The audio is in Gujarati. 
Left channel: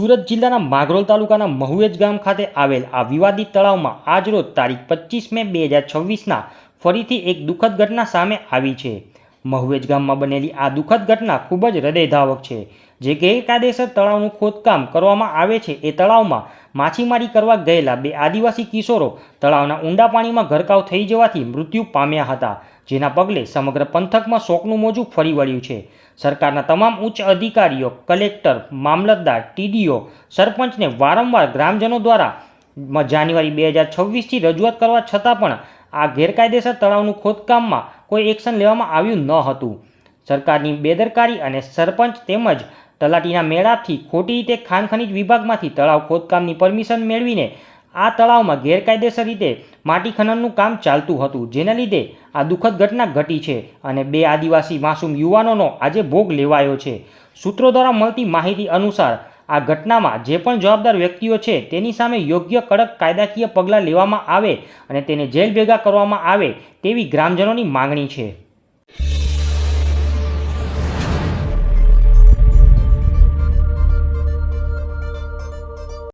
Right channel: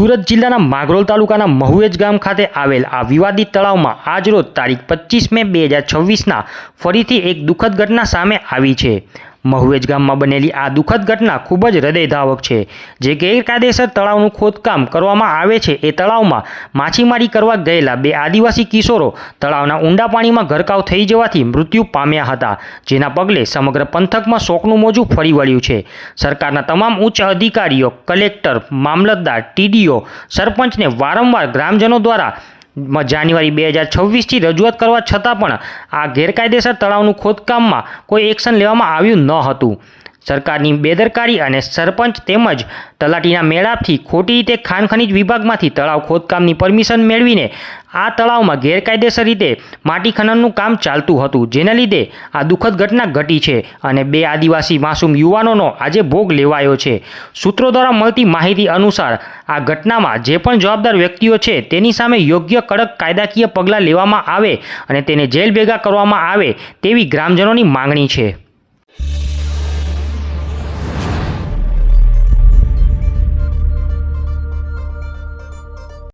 સુરત જિલ્લાના માગરોલ તાલુકાના મહુએજ ગામ ખાતે આવેલ આ વિવાદિત તળાવમાં આજરોજ તારીખ 25 મે 2026ના ફરીથી એક દુઃખદ ઘટના સામે આવી છે। મહુએજ ગામમાં બનેલી આ દુઃખદ ઘટના ખૂબ જ હૃદયધાવક છે। જે ગેરકાયદેસર તળાવનું ખોદકામ કરવામાં આવે છે એ તળાવમાં માછીમારી કરવા ગયેલા બે આદિવાસી કિશોરો તળાવના ઊંડા પાણીમાં ગરકાવ થઈ જવાથી મૃત્યુ પામ્યા હતા, જેના પગલે સમગ્ર પંથકમાં શોકનું મોજું ફરી વળ્યું છે। સરકારના તમામ ઉચ્ચ અધિકારીઓ, કલેક્ટર, મામલતદાર, ટીડીઓ, સરપંચને વારંવાર ગ્રામજનો દ્વારા જાન્યુઆરી 2026થી રજૂઆત કરવા છતાં પણ આ ગેરકાયદેસર તળાવનું ખોદકામમાં કોઈ એક્શન લેવામાં આવ્યું ન હતું। સરકારની બેદરકારી અને સરપંચ તેમજ તલાટીના મેળાપથી ખોટી રીતે ખાણ ખનીજ વિભાગમાંથી તળાવ ખોદકામની પરમિશન મેળવીને આ તળાવમાં ગેરકાયદેસર રીતે માટી ખનનનું કામ ચાલતું હતું, જેના લીધે આ દુઃખદ ઘટના ઘટી છે અને બે આદિવાસી માસૂમ યુવાનોનો આજે ભોગ લેવાયો છે। સૂત્રો દ્વારા મળતી માહિતી અનુસાર આ ઘટનામાં જે પણ જવાબદાર વ્યક્તિઓ છે તેની સામે યોગ્ય કડક કાયદાકીય પગલાં લેવામાં આવે અને તેને જેલ ભેગા કરવામાં આવે તેવી ગ્રામજનોની માંગણી છે।